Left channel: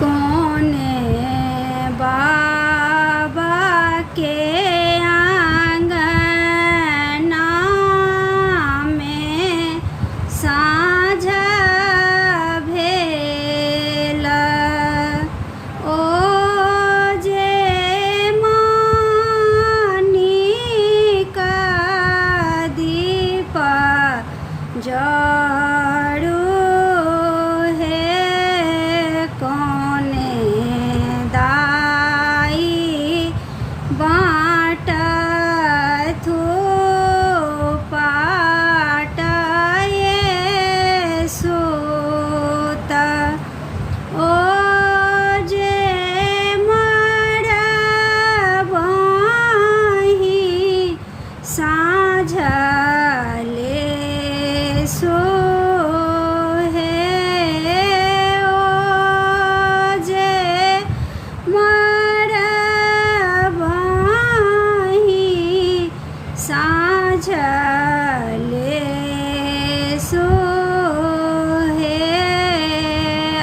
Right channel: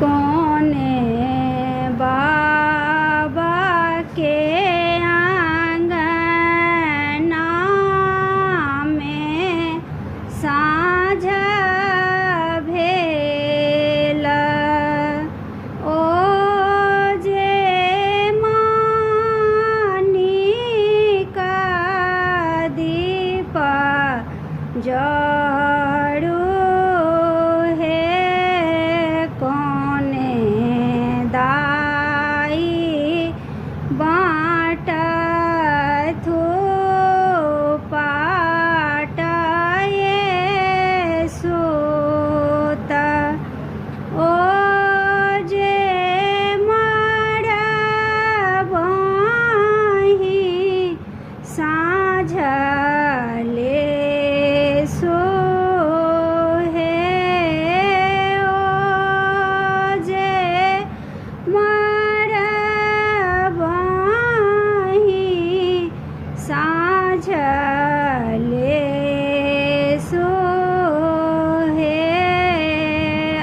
कोने बाबा के आंगना में साँझ भेल। ओ जे मनिका दीप जरू हे कोने दाई बाटथु पाट ये सूत। ओ जे मरबहि साँझ ले सोहे। ओ जे मरबहि साँझ ले सोहे।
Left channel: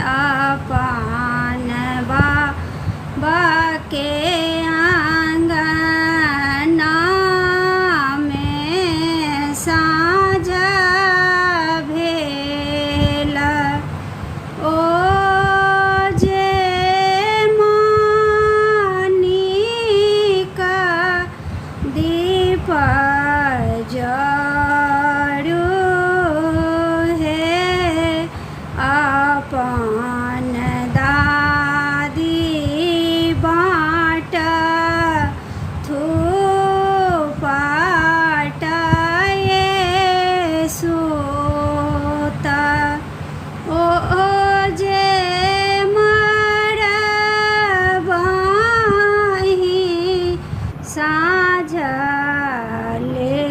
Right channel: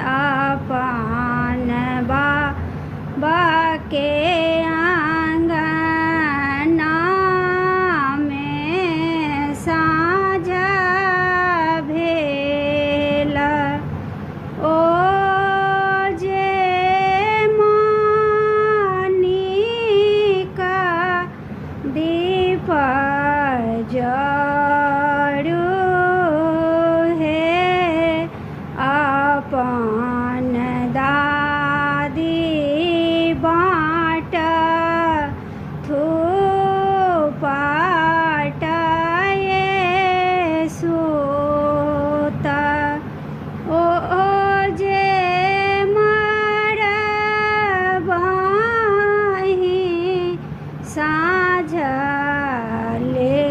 अपन बाबा के आंगना में साँझ भेल। ओ जे मनिका दीप जरू हे अपन दादी बाटथु पाट ये सूत। ओ जे मरबहि साँझ ले